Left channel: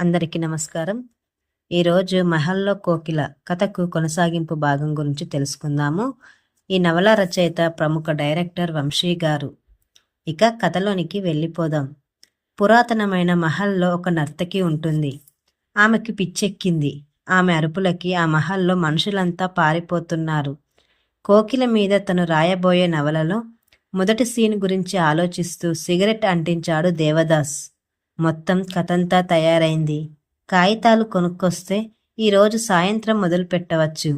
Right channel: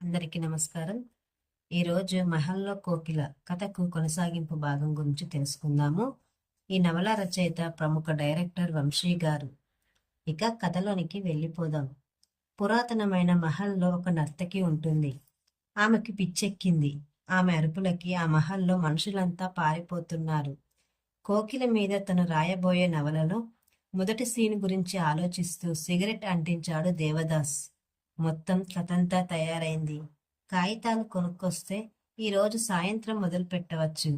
అందరికీ నమస్కారం. ఈరోజు 'మహల్‌లో కోకిల' కథకు కొనసాగింపు భాగం గురించి తెలుసుకుందాము. ఈ నవల రచయిత ప్రముఖ డైరెక్టర్ వంశీ గారు. ఇక కథలోనికి వెళ్ళిపోదాం. పురాతనమైన మహల్‌లో ఒక నర్తకి ఉంటుంది. ఆమెకి పిచ్చెక్కింది. ఆమె అరుపులకి ఆ మహల్‌లో మనుషులంతా పారిపోతున్నారు. కోకిల మీద తను రాయబోయే నవలలో మొదటి సీన్ గురించి ఆలోచిస్తూ సిగరెట్ అంటించాడు దేవదాస్. మొత్తం కథంతా తయారైంది. కాగితాలు కొనుక్కొస్తే ఈరోజు సాయంత్రం మొదలుపెట్టవచ్చు.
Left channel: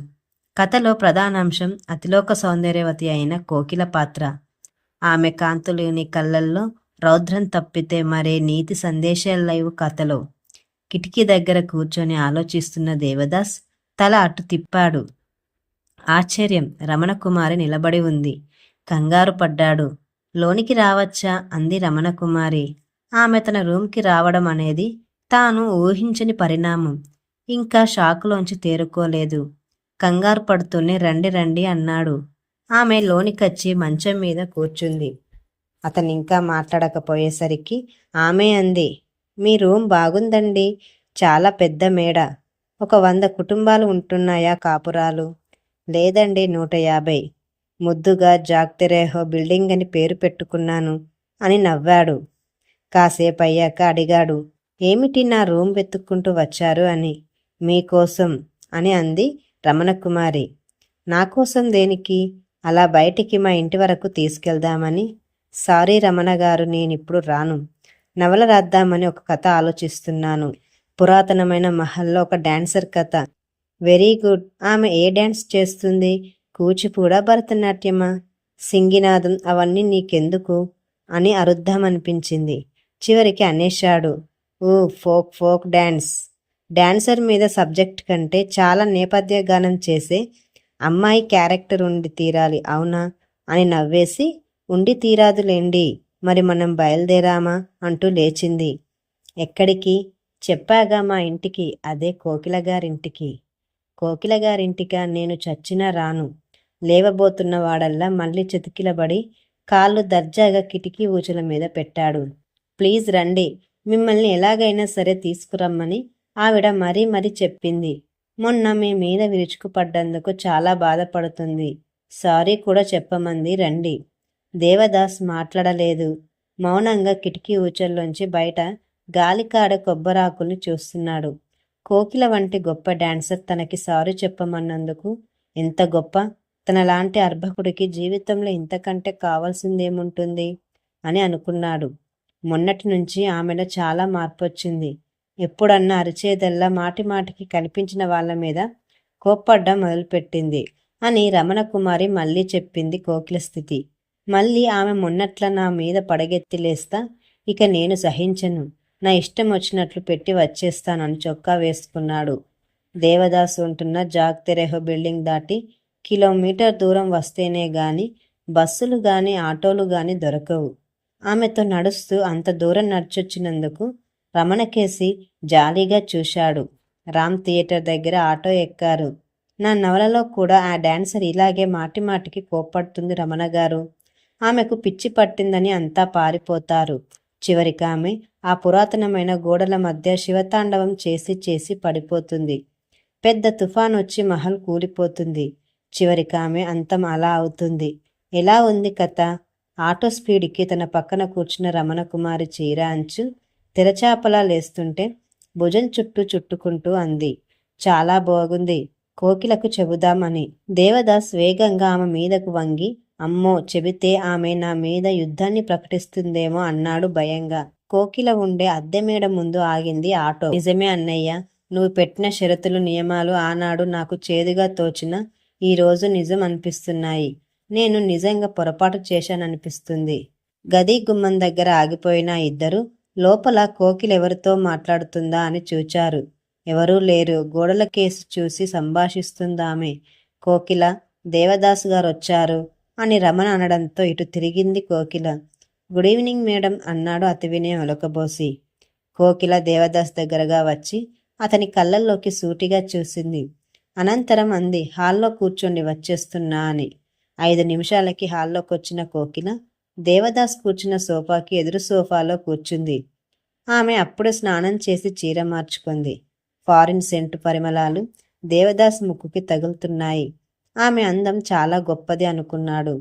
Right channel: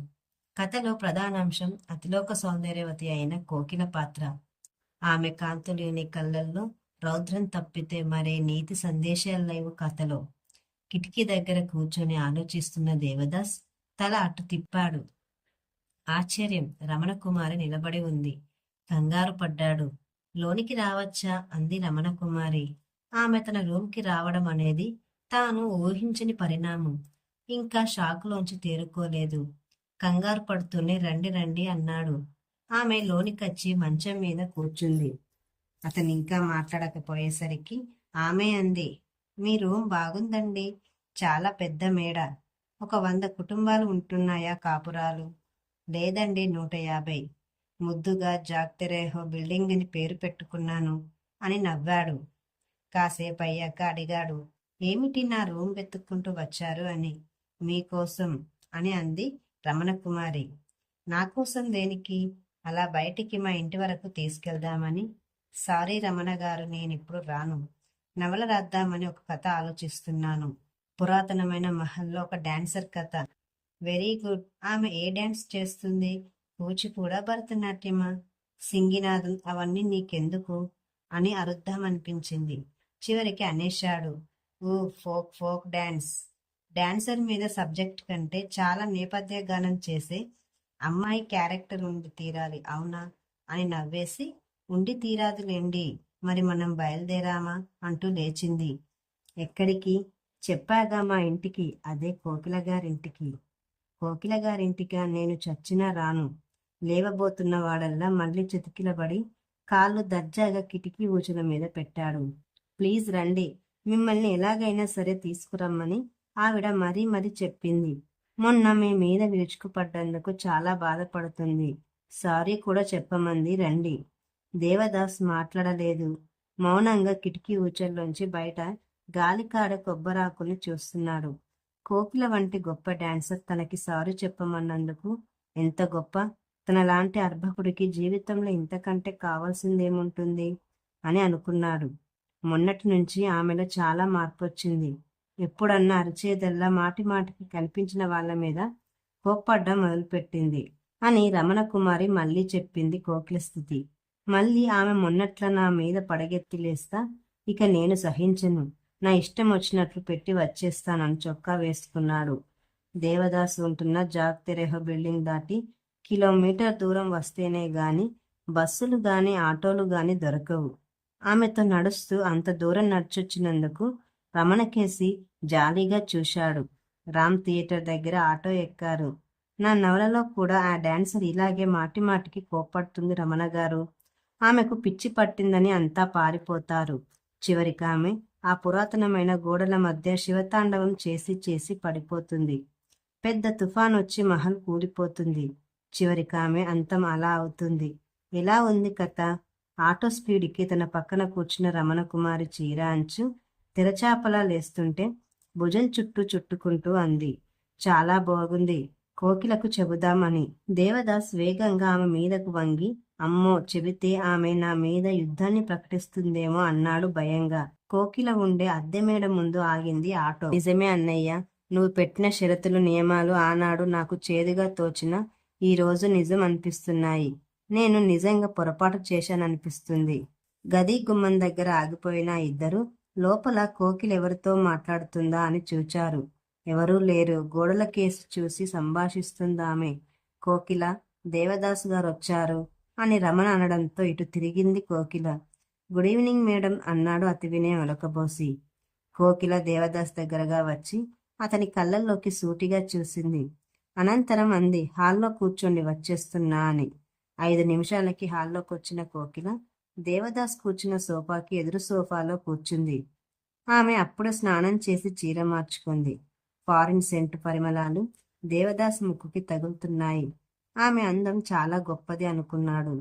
కథలో ప్రధానాంశం అతిలోక సౌందర్యవతి అయిన కోకిల పాత్ర. ఆమె కాంతులేని కళ్ళల్లో రౌద్రం తప్పితే మరే నీతి సందేశాలు లేవు కథలో. కిటికీ దగ్గర కూర్చొని ఆలోచిస్తున్న దేవదాస్ తల అటు తిప్పాడు. ఆశ్చర్యం! రమణకుమారి నిలబడి ఉంది. కంగారు పడ్డాడు. లోనికి రావచ్చా? అంది రమణకుమారి. ఆమె తన రూమ్కి రావడం అనేది తాను ఊహించని పరిణామం. ఇంకా షాకులోంచి తేరుకోలేదు. కంగారు పడుతూనే రండి రండి అన్నాడు. ఆమె లోనికొచ్చి మంచం మీద కూర్చుంది. అతనింకా మాట్లాడకపోయేసరికి ఆమె అంది, మీ రూమ్ బాగుందండి. చాలా పెద్ద మేడ. ఒక 100 కుటుంబాలు ఉంటున్నాయా కాపురాలు? లేదండి, 150. ముద్దుగా జాగ్తెరేహో బిల్డింగ్ అని పేరు పెట్టుకున్నాను అని నవ్వాడు. కాసేపయ్యాక అడిగాడు, ఏమిటి నా రూమ్ వెతుక్కుంటూ వచ్చారు అని. మీకోసం అని అంది రమణకుమారి. నాకోసం దేనికి? అలా బయటికి మా ఇంటి వరకు తీసుకెళ్దామని. సారీ రమణగారు, నేనిప్పుడు రాను. నవల రాద్దామని ఒక కథ ఆలోచిస్తున్నాను. పురాతనమైన మహల్లో ఒక డాన్సర్ కథ. Very good. ఆమె ఏ డ్యాన్స్ చేస్తుంది? కూచిపూడా, భరతనాట్యమా? సింగినాదం అవన్నీ నీకెందుకు అని అరుద్దామనిపించింది. చివరికి అనేశాడు, ఫోక్ డ్యాన్స్. డాన్సర్ మీద సబ్జెక్ట్ కంటే చాలా నేపథ్య గానం చేసే అమ్మాయి క్యారెక్టర్ ఉండి తీరాలి, అవునా అని నవ్వేసి, ఉండి తీరాదులేండి, మరి మనం బయలుదేరామా అంటూ లేచింది. ఎక్కడికి? చెప్పాగా, మా ఇంటికి. అదే కోకిల గారింటికి. కోకిల గారింటికా? నేను చచ్చినా రాను. లేవబోతున్న వాడల్లా మళ్ళీ చతికిలబడి కాళ్ళు దర్జాగా కిటికీ ఊచల మీద పెట్టాడు. ప్లీజ్ రండి, మిమ్మల్ని ఎలాగైనా సరే తీసుకురమ్మని ఆవిడ మరీ చెప్పింది. మొన్న మీ మీద విరుచుకుపడ్డందుకు చాలా బాధపడుతుంది. సారీ కూడా చెప్పమంది. రండి. దేవదాస్ మాట్లాడలేదు. మౌనంగా కిటికీ ఊచల్లోంచి బయట గాలికాడ కొబ్బరాకుల్ని చూస్తున్నాడు. కోకిల వంటి గొప్ప డాన్సర్ తనకి సారీ చెప్పమన్నందుకు ఎంత గొప్ప! తనలాంటి అర్భకుడికి జీవితంలో ఇంతకంటే కావాల్సిందేముంటుంది అని అనుకున్నాడు. మొన్నటి నుంచి ఆమెలో చాలా మార్పొచ్చింది. ఎప్పుడన్నా అరిచేదల్లా మాటిమాటికి కనిపించిన వాళ్ళ మీద కోప్పడ్డం మొదలుపెట్టింది అని రమణకుమారి మళ్ళీ చెప్పింది కోకిల స్థితి. మళ్ళీ ఆమె మొన్నట్ల నా మీద పడగెత్తి లేస్తా, ఇక నేను సహించను, నా ఇష్టం వచ్చినట్లు పెట్టి వచ్చేస్తానని చొక్కా వేసుకున్నాడు. దేవదాసు ఉంటున్న జాగ్తెరేహో బిల్డింగ్ దాటి కిలోమీటర్ దూరం వస్తేనే గాని బస్సులు గాని ఆటోలు గాని దొరకవు. ఆమెతో నడుస్తూ అంత దూరం నడిచొచ్చినందుకు రమణకేసి జాలీగా చూశాడు. రామ్ థియేటర్ దగ్గర ఆటో ఎక్కారు. నా నవలలో కూడా ఆ డాన్సర్ ఇలాగే మాటిమాటికి కోప్పడుతుంది రమణగారు. ఆమెకు పిచ్చి పట్టిందని అంతా పారిపోతారు. చివరికి ఆమె ఆ పురాతనమైన గోడల మధ్య శివతాండవం చేసి పడిపోతుంది. పెద్ద తుఫాన్ వచ్చి మహల్ కూలిపోతుంది. చివరికి ఆమె అంతం అలా అవుతుంది. ఎలా ఉంది కథ? ఆటో స్పీడ్కి తన పక్కన కూర్చున్న రమణకుమారి చీర అంచు తెరచాపలా లేస్తుంటే భుజం చుట్టుకుంటూ అంది. చాలా బాగుంది, కోకిలకు చెబుదామని. దేవదాస్ వేగంగా ఆమె మీదకు వంగి, అమ్మో, చెబితే ఆమె నా మీద యుద్ధాన్ని ప్రకటిస్తుందేమో అన్నాడు భయంగా. కోకిల ఉండే అద్దె మేడ ముందు ఆగింది ఆటో. నిజమే అన్నయ్య, నువ్వు పెట్టిన షరతులు నియమాలు ఆనాడు నాకు చేదుగా తోచిన ఈరోజు నిజం అనిపిస్తున్నాయి. నేను నిజంగా పొరపాటు చేశాననిపిస్తుంది. గది గుమ్మం దగ్గర ఆగిపోయిన ఇద్దరు లోపల కోకిల ఎవరితో మాట్లాడుతుందా అని చూచారు. ఎవరూ లేరు. గోడల కేసి చూసి సంభాషిస్తుందామె. కోకిల, దేవదాసు గారు వచ్చారు అని రమణ అనడంతో ఇటు తిరిగింది కోకిల. గుడ్ ఈవినింగ్ మేడం అన్నాడు అతి వినయం ఒలకబోసి. కోకిల దేవదాస్ దగ్గరగా వచ్చి అతని కళ్ళల్లోకి సూటిగా చూసింది. అనంతరం అంది, హాల్లో కూర్చోండి, వచ్చేస్తున్నా అని. 5 నిమిషాలకి హాల్లోకొచ్చిన కోకిల దేవదాస్ కూర్చున్న సోఫాకి ఎదురు సోఫాలో కూర్చుంది. ఆమె అప్పుడే స్నానం చేసి చీర మార్చుకుంది. ఫారిన్ సెంటు పరిమళాలు దేవదాస్ ముక్కుకి తగులుతున్నాయి. ఆమె అందం చాలా గొప్పది అనుకున్నాడు.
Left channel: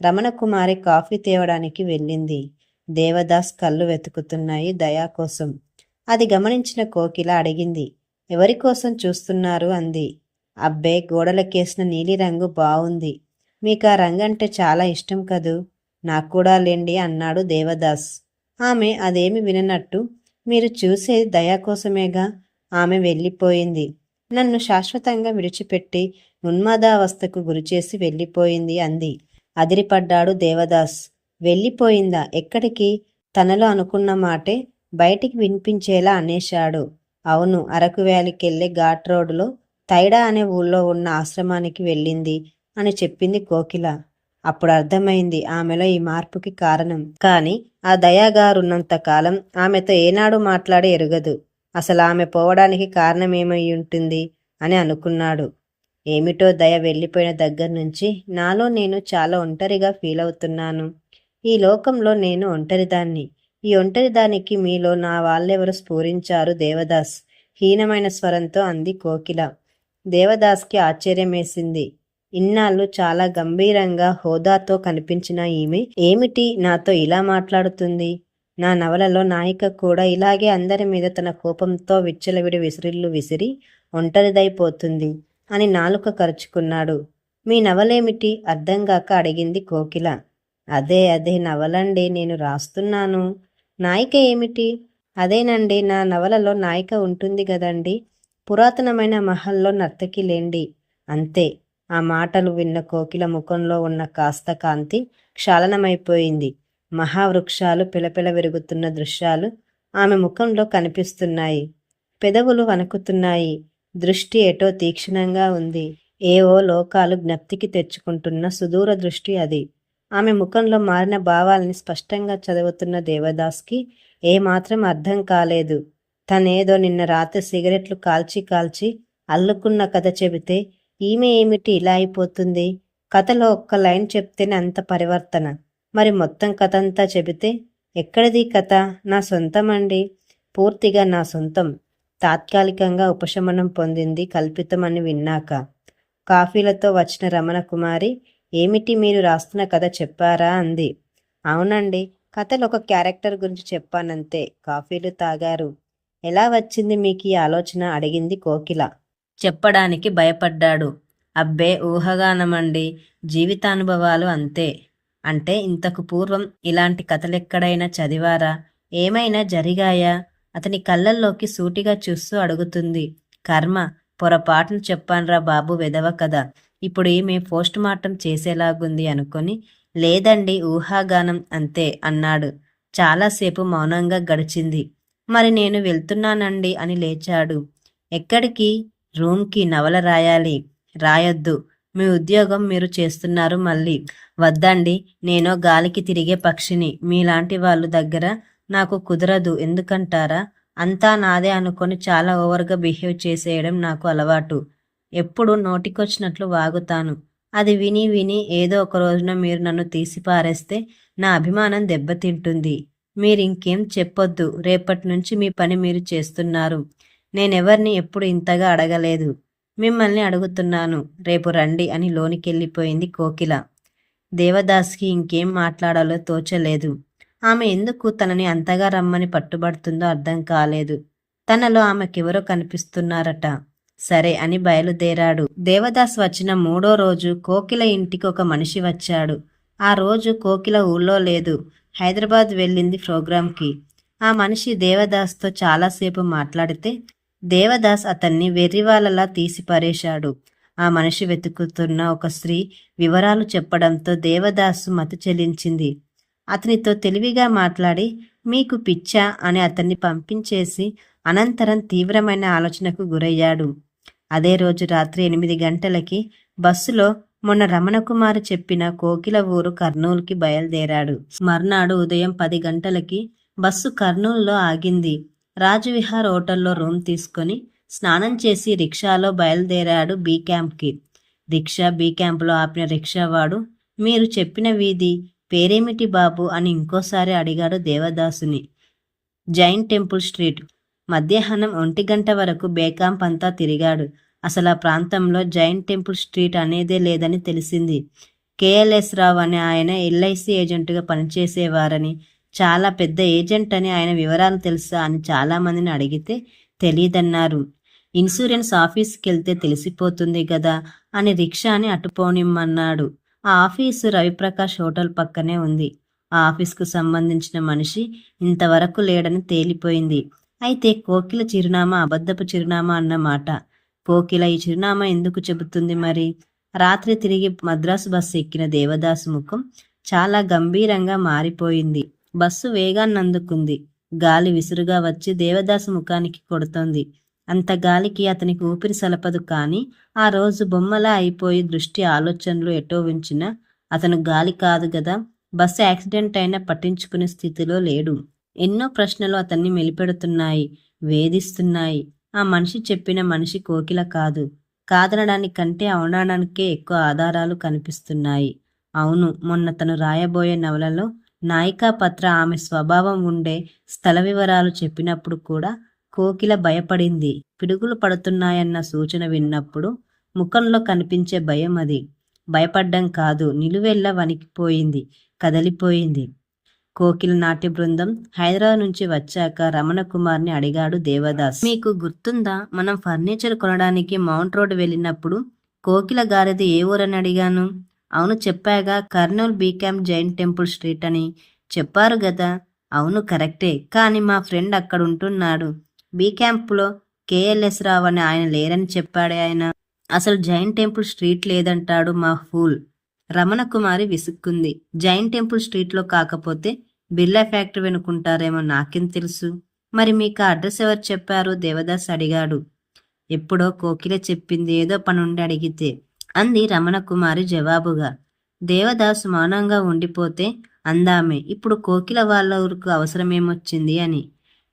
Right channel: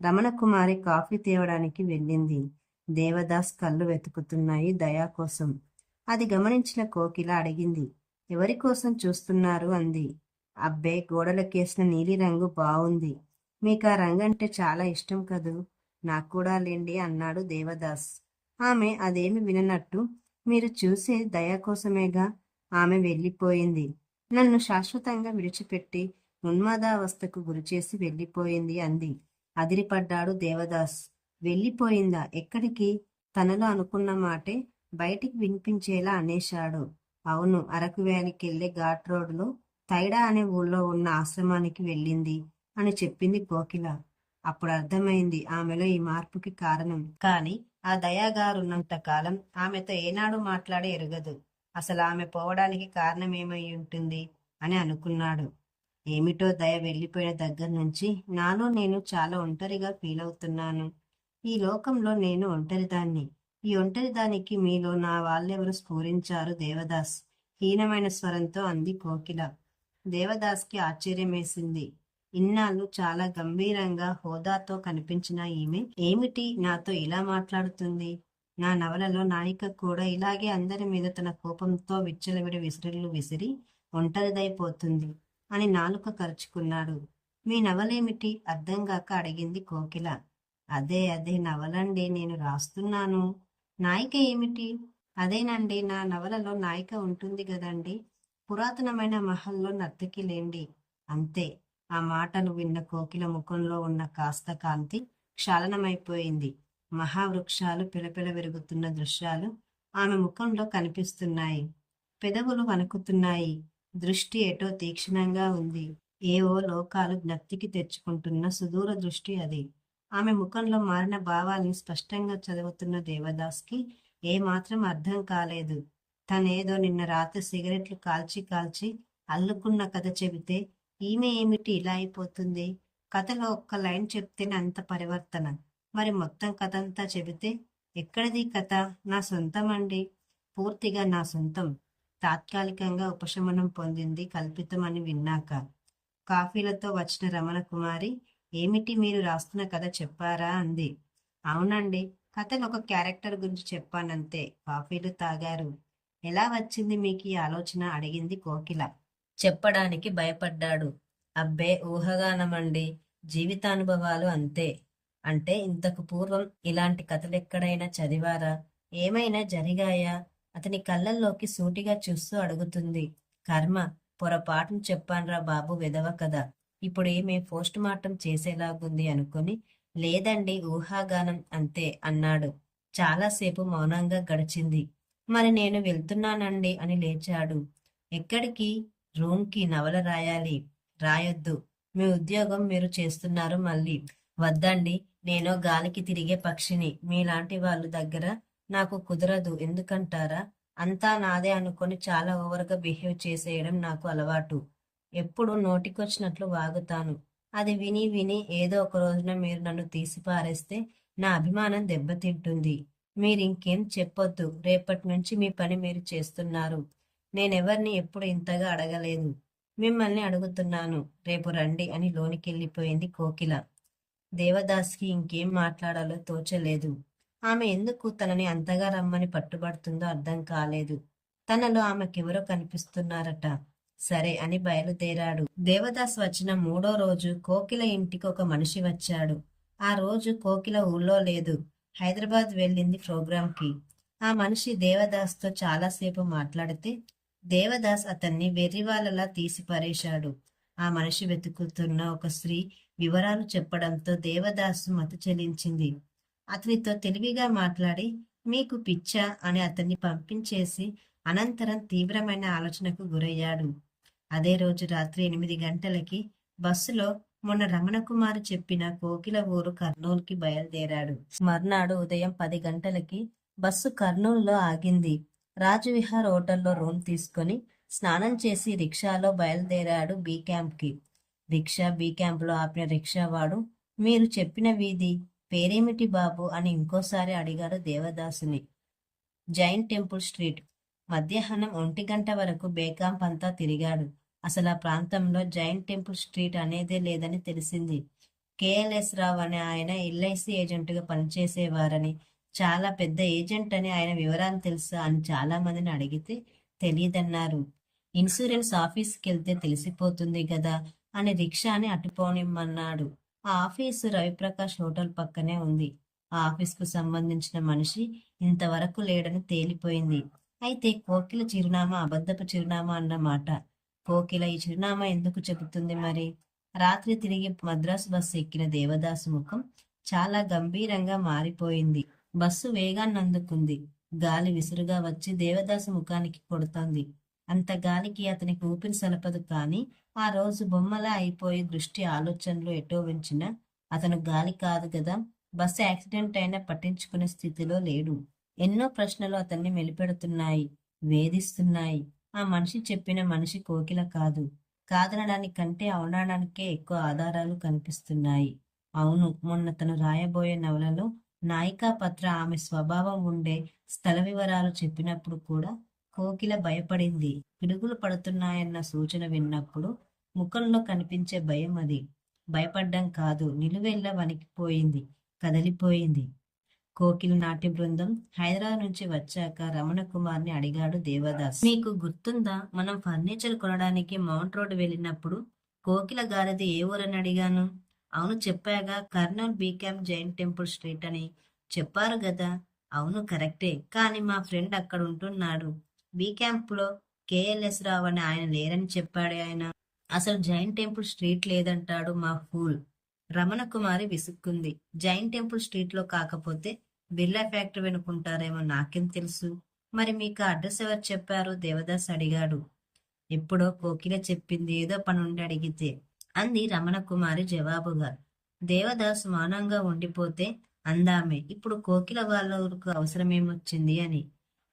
రమణకుమారి కాఫీ తేవడానికి వెళ్ళింది. దేవదాస్ కళ్ళు వెతుకుతున్నాయి దయా కోసం. అది గమనించిన కోకిల అడిగింది. ఎవరికోసం చూస్తున్నారు అంది. అబ్బే, గోడలకేసిన నీలిరంగు బావుంది. మీకా రంగంటే చాలా ఇష్టం కదూ. నాక్కూడా లేండి అన్నాడు దేవదాస్. ఆమె అదేమి విననట్టు, మీరు చూసేది దయా కోసమేగా. ఆమె వెళ్ళిపోయింది. నన్ను శాశ్వతంగా విడిచిపెట్టి ఉన్మాదావస్థకు గురిచేసి వెళ్ళిపోయింది అంది. అదిరిపడ్డాడు దేవదాస్. వెళ్ళిపోయిందా? ఎక్కడికి? తనలో అనుకున్న మాటే బయటికి వినిపించేలా అనేశాడు. అవును, అరకు వ్యాలీకెళ్ళే ఘాట్ రోడ్డులో తైడా అనే ఊళ్ళో ఉన్న ఆశ్రమానికి వెళ్ళింది అని చెప్పింది కోకిల. అప్పుడు అర్థమైంది ఆమెలో ఈ మార్పుకి కారణం. కాని ఆ దయాగారున్నంత కాలం ఆమెతో ఏనాడు మాట్లాడి ఎరుగదు. అసలు ఆమె పోవడానికి కారణమేమయ్యుంటుంది అని అనుకున్నాడు. ఏమిటో దయ వెళ్ళిపోయిన దగ్గర నుంచి నాలో నేను చాలా ఒంటరిగా ఫీలవుతున్నాను. ఈ లోకంలో నేను ఒంటరిదాన్ని. ఈ ఒంటరిదానికి మీలో నా వాళ్ళెవరు స్ఫూరించారు దేవదాస్? హీనమైన స్వరంతో అంది కోకిల. దేవదాస్కి ఆశ్చర్యమేసింది. ఇన్నాళ్ళు చాలా గంభీరంగా హోదాతో కనిపించిన ఈమె ఏమిటి నాతో ఇలా మాట్లాడుతుంది? నా నవలలో నాయిక కూడా ఇలాగే అందరి మీద తన కోపంతో విచ్చలవిడి విసిరిళ్ళు విసిరి ఒంటరిదైపోతుంది అని నాలుక కరుచుకున్నాడు. మీ నవలేమిటి? అర్థంగాక అడిగింది కోకిల. అదే నవలండి, నేను రాస్తున్నాను. నాయిక ఏమిటి? అదేనండి, నా నవలలో నాయిక ఉంటుంది గదండి. పురాతనమైన మహల్లో నర్తకి లేండి. అంతే. ఆ మాటలు విన్న కోకిల ముఖంలో ఉన్న కాస్త కాంతి క్షాళనమైపోయింది. మహావృక్షాలు పిలపిల విరుగుతున్న దృశ్యాలు ఆమె ముఖంలో కనిపిస్తున్నాయి. పెదవులు వణుకుతున్నాయి. దృష్టి ఎటో తీక్షణంగా ఉంది. ఏవో లోకాలు జ్ఞప్తికి తెచ్చుకుంటున్న సుదూర దృష్టి అది. ఆమె ముఖంలో మారిన భావాల్ని స్పష్టంగా చదువుతున్న దేవదాస్కి ఏమాత్రం అర్థం కాలేదు. తనేదో నిన్న రాత్రి సిగరెట్లు కాల్చి కాల్చి అల్లుకున్న కథ చెబితే ఈమె ఏమిటి ఇలా అయిపోతుంది? కథలో ఒక్క లైన్ చెప్తేనే అంత పరివర్తన. మరి మొత్తం కథంతా చెబితే ఎక్కడిది కథ? నా సొంతమండి, పూర్తిగా నా సొంతం. తాత్కాలికంగా ఉపశమనం పొందింది కల్పితమని విన్నాక. కాఫీలతో వచ్చిన రమణకుమారి, ఏమిటి మీరు రాస్తున్న కథ చెప్పారా అంది. అవునండి, కథలో ఒక క్యారెక్టర్ గురించి చెప్పానంతే. కాఫీలు తాగారు. ఎలా వచ్చింది మీకు ఈ ఆలోచన? అడిగింది కోకిల. చెప్పడానికి భయపడ్డాడు. అబ్బే, ఊహాగానమండి, జీవితానుభవాలు అంతే. అంటే ఇంతకు పూర్వం ఇలాంటి కథలెక్కడైనా చదివారా? ఏమైనా జరిగాయా? అతని కళ్ళల్లోకి సూటిగా చూస్తూ అడుగుతుంది. కర్మ, పొరపాటును చెప్పాన్రా బాబు, వెధవ కథ. ఇప్పుడు ఈమె పోస్ట్ మార్టం చేసేలాగుంది అనుకొని, లేదండి, ఊహాగానం అంతే అన్నాడు. చాలాసేపు మౌనంగా గడిచింది. మరి నేను వెళ్తున్నానండి అని లేచాడు. ఎక్కడికి? రూమ్కి. నవల రాయాలి. రాయొద్దు, మీ ఉద్యోగం మీరు చేస్తున్నారు మళ్ళీ. వద్దండి, నేనో గాలికి తిరిగే పక్షిని. మీలాంటి వాళ్ళు దగ్గర నాకు కుదరదు. ఎందుకంటారా? అంతా నాదే అనుకొని చాలా ఓవర్గా బిహేవ్ చేసేయడం నాకు అలవాటు. ఎప్పుడు నోటికొచ్చినట్లు వాగుతాను. అది విని విని ఏదో ఒక రోజున మీరు నన్ను తీసి పారేస్తే నా అభిమానం దెబ్బతింటుంది. మీరింకేం చెప్పొద్దు. రేపటి నుంచి మీ పని మీరు చేస్తున్నారు. నేనెవర్ని ఎప్పుడు ఇంతగా అడగలేదు. మిమ్మల్ని అడుగుతున్నాను. రేపు రండి అని లోనికెళ్ళిపోయింది కోకిల. దేవదాస్కి ఇంకేం మాట్లాడాలో తోచలేదు. ఆమె ఎందుకు తనని అంతగా రమ్మని పట్టుబడుతుందో అర్థం కాలేదు. తనలో ఆమెకెవరో కనిపిస్తున్నారట. సరే అని బయలుదేరాడు. దేవదాస్ వచ్చిన 3వ రోజు కోకిల ఇంటికి ఒక మనిషి వచ్చాడు. ఆ రోజు కోకిల ఊళ్ళో లేదు. హైదరాబాద్ వెళ్ళింది ప్రోగ్రాంకి. ఆ మనిషి దేవదాస్తో చాలాసేపు మాట్లాడితే దేవదాస్ అతన్ని వెర్రివాళ్ళలా తీసి పరేశాడు. ఆ మనిషి వెతుకుతున్న ఒక స్త్రీ వివరాలు చెప్పడంతో దేవదాసు మతి చెలించింది. అతనితో తెలివిగా మాట్లాడి, మీకు పిచ్చా అని అతన్ని పంపించేసి అనంతరం తీవ్రమైన ఆలోచనకు గురయ్యాడు. అదే రోజు రాత్రి 8 గంటలకి బస్సులో మొన్న రమణకుమారి చెప్పిన కోకిల ఊరు కర్నూలుకి బయలుదేరాడు. మర్నాడు ఉదయం 10 గంటలకి బస్సు కర్నూలులో ఆగింది. రాజవిహార్ హోటల్లో రూమ్ తీసుకొని స్నానం చేసి రిక్షాలో బయలుదేరాడు బీ క్యాంప్కి. రిక్షా బీ క్యాంపులో ఆపిన రిక్షావాడు, మీరు చెప్పిన వీధి పేరేమిటి బాబు అని ఇంకోసారి అడిగాడు దేవదాసుని. Jain temple street. మధ్యాహ్నం 1 గంట వరకు బేకాంప్ అంతా తిరిగాడు. అసలు ఆ ప్రాంతంలో జైన్ టెంపుల్ స్ట్రీట్ అనేదే లేదని తెలిసింది. కేఎల్ఎస్ రావు అనే ఆయన ఎల్ఐసి ఏజెంటుగా పనిచేసేవారని, చాలా పెద్ద ఏజెంట్ అని, ఆయన వివరాలు తెలుసా అని చాలామందిని అడిగితే తెలీదన్నారు. ఇన్సూరెన్స్ ఆఫీస్కి వెళ్తే తెలిసిపోతుంది కదా అని రిక్షాని అటుపోనిమ్మన్నాడు. ఆ ఆఫీసు రవిప్రకాష్ హోటల్ పక్కనే ఉంది. ఆ ఆఫీస్కు సంబంధించిన మనిషి ఇంతవరకు లేడని తేలిపోయింది. అయితే కోకిల చిరునామా అబద్ధపు చిరునామా అన్నమాట. కోకిల ఈ చిరునామా ఎందుకు చెబుతుంది మరి? రాత్రి తిరిగి మద్రాసు బస్సు ఎక్కిన దేవదాసు ముఖం చాలా గంభీరంగా మారిపోయింది. బస్సు వేగాన్నందుకుంది. గాలి విసురుగా వచ్చి దేవదాసు ముఖానికి కొడుతోంది. అంత గాలికి అతనికి ఊపిరి సలపదు. కానీ ఆ రోజు బొమ్మలా అయిపోయి దృష్టి ఆలోచనలు ఎటో ఉంచినా అతను గాలి కాదు గదా. బస్సు యాక్సిడెంట్ అయినా పట్టించుకునే స్థితిలో లేడు. ఎన్నో ప్రశ్నలు అతన్ని మెలిపెడుతున్నాయి, వేధిస్తున్నాయి. ఆ మనిషి చెప్పిన మనిషి కోకిల కాదు. కాదనడానికంటే అవునడానికే ఎక్కువ ఆధారాలు కనిపిస్తున్నాయి. అవును, మొన్న తను రాయబోయే నవలలో నాయికా పత్ర ఆమె స్వభావం ఉండే స్థల వివరాలు చెప్పినప్పుడు కూడా కోకిల భయపడింది. పిడుగులు పడుతున్నాయన్న సూచన విన్నప్పుడు ముఖంలో కనిపించే భయం అది. భయపడ్డం కాదు, నిలువెల్లా వణికిపోయింది, కదలిపోయింది. కోకిల నాట్య బృందం హైదరాబాద్ నుంచి వచ్చాక రమణ కుమార్ని అడిగాడు దేవదాస్. మీకు గుర్తుందా, మనం ఫర్నిచర్ కొనడానికి మౌంట్ రోడ్ వెళ్ళినప్పుడు కోకిల గారిది ఏ ఊరని అడిగాను? అవును చెప్పాగా, కర్నూల్ బీకాంప్ జైన్ టెంపుల్ స్ట్రీట్ అని చెప్పారు గదా. అవును కరెక్టే, కానీ మా ఫ్రెండ్ అక్కడ ఉంటున్నాడు. బీ క్యాంప్లో కేఎల్ఎస్ రావు అని ఆయన లేరని చెప్పాడే ఆయన. అసలు జైన్ టెంపుల్ స్ట్రీట్ లేదంటాడు మా ఫూల్. రమణ కుమారి విసుక్కుంది. జైన్ టెంపుల్ స్ట్రీట్లో కాకపోతే బిర్లా ఫ్యాక్టరీ వెనుకుంటారేమో నాకేం తెలుసు. మరి మీకు ఆ అడ్రస్ ఎవరు చెప్పారు? దేవదాస్ అడిగాడు. ఎప్పుడో కోకిల చెప్పింది, ఏదో పనుండి అడిగితే అంది రమణ కుమారి జవాబుగా. దేవదాస్ మౌనంగా ఉండిపోతే అందామే, ఇప్పుడు కోకిల వాళ్ళ ఊరికి అవసరమేమొచ్చింది అని.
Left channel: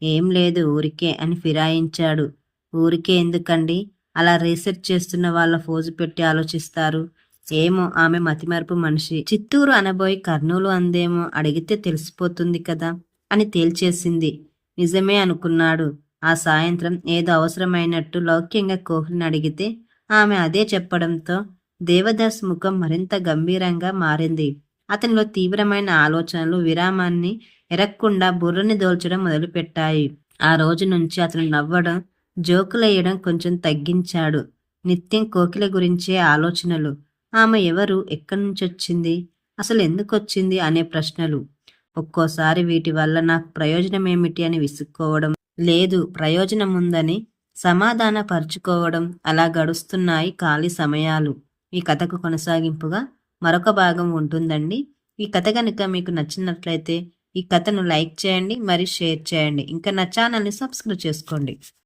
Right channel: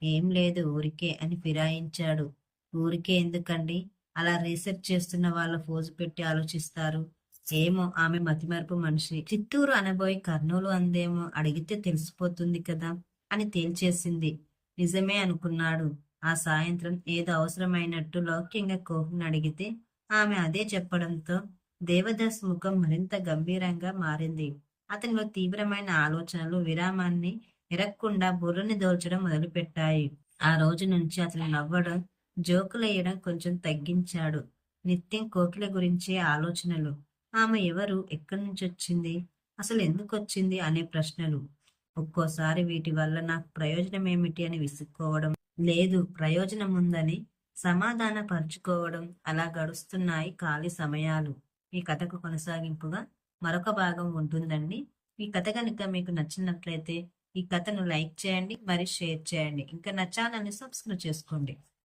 ఏం లేదు, ఊరికే అని ఫిరాయించాడు. ఊరికే ఎందుకండి? అలా రీసెర్చ్ చేస్తున్న వాళ్ళ ఫోజు పెట్టి ఆలోచిస్తారు. ఏమో, ఆమె మతిమరుపు మనిషి. చిత్తూరు అనబోయి కర్నూలు అందేమో, అడిగితే తెలిసిపోతుంది కదా అని తేల్చేసింది. నిజమే అనుకున్నాడు. ఆ సాయంత్రం ఏదో అవసరమైనట్టు లౌక్యంగా కోహ్లిని అడిగితే ఆమె అదే చెప్పడంతో దేవదాస్ ముఖం మరింత గంభీరంగా మారింది. అతనిలో తీవ్రమైన ఆలోచనలు విరామాన్ని ఎరక్కుండా బుర్రని దోల్చడం మొదలుపెట్టాయి. ఆ రోజు నుంచి అతను నవ్వడం, జోకులేయడం కొంచెం తగ్గించాడు. నిత్యం కోకిల గురించే ఆలోచనలు. ఆమె ఎవరు, ఎక్కడి నుంచొచ్చింది, అసలు ఎందుకొచ్చింది అనే ప్రశ్నలు. ఒక్కోసారి వీటి వల్ల నాకు ప్రయోజనమేమిటి అని విసుక్కోవడం, లేదు ప్రయోజనముందని సమాధాన పరుచుకోవడం, అలా గడుస్తున్నాయి ఖాళీ సమయాలు. ఈ కథకు కొనసాగింపుగా మరొక భాగం ఉంటుందండి. ఈ కథ కనుక మీకు నచ్చినట్లయితే ఈ కథను లైక్ చేయండి, మరి షేర్ చేయండి. ఇంకా నా ఛానల్ని సబ్స్క్రైబ్ చేసుకోండి.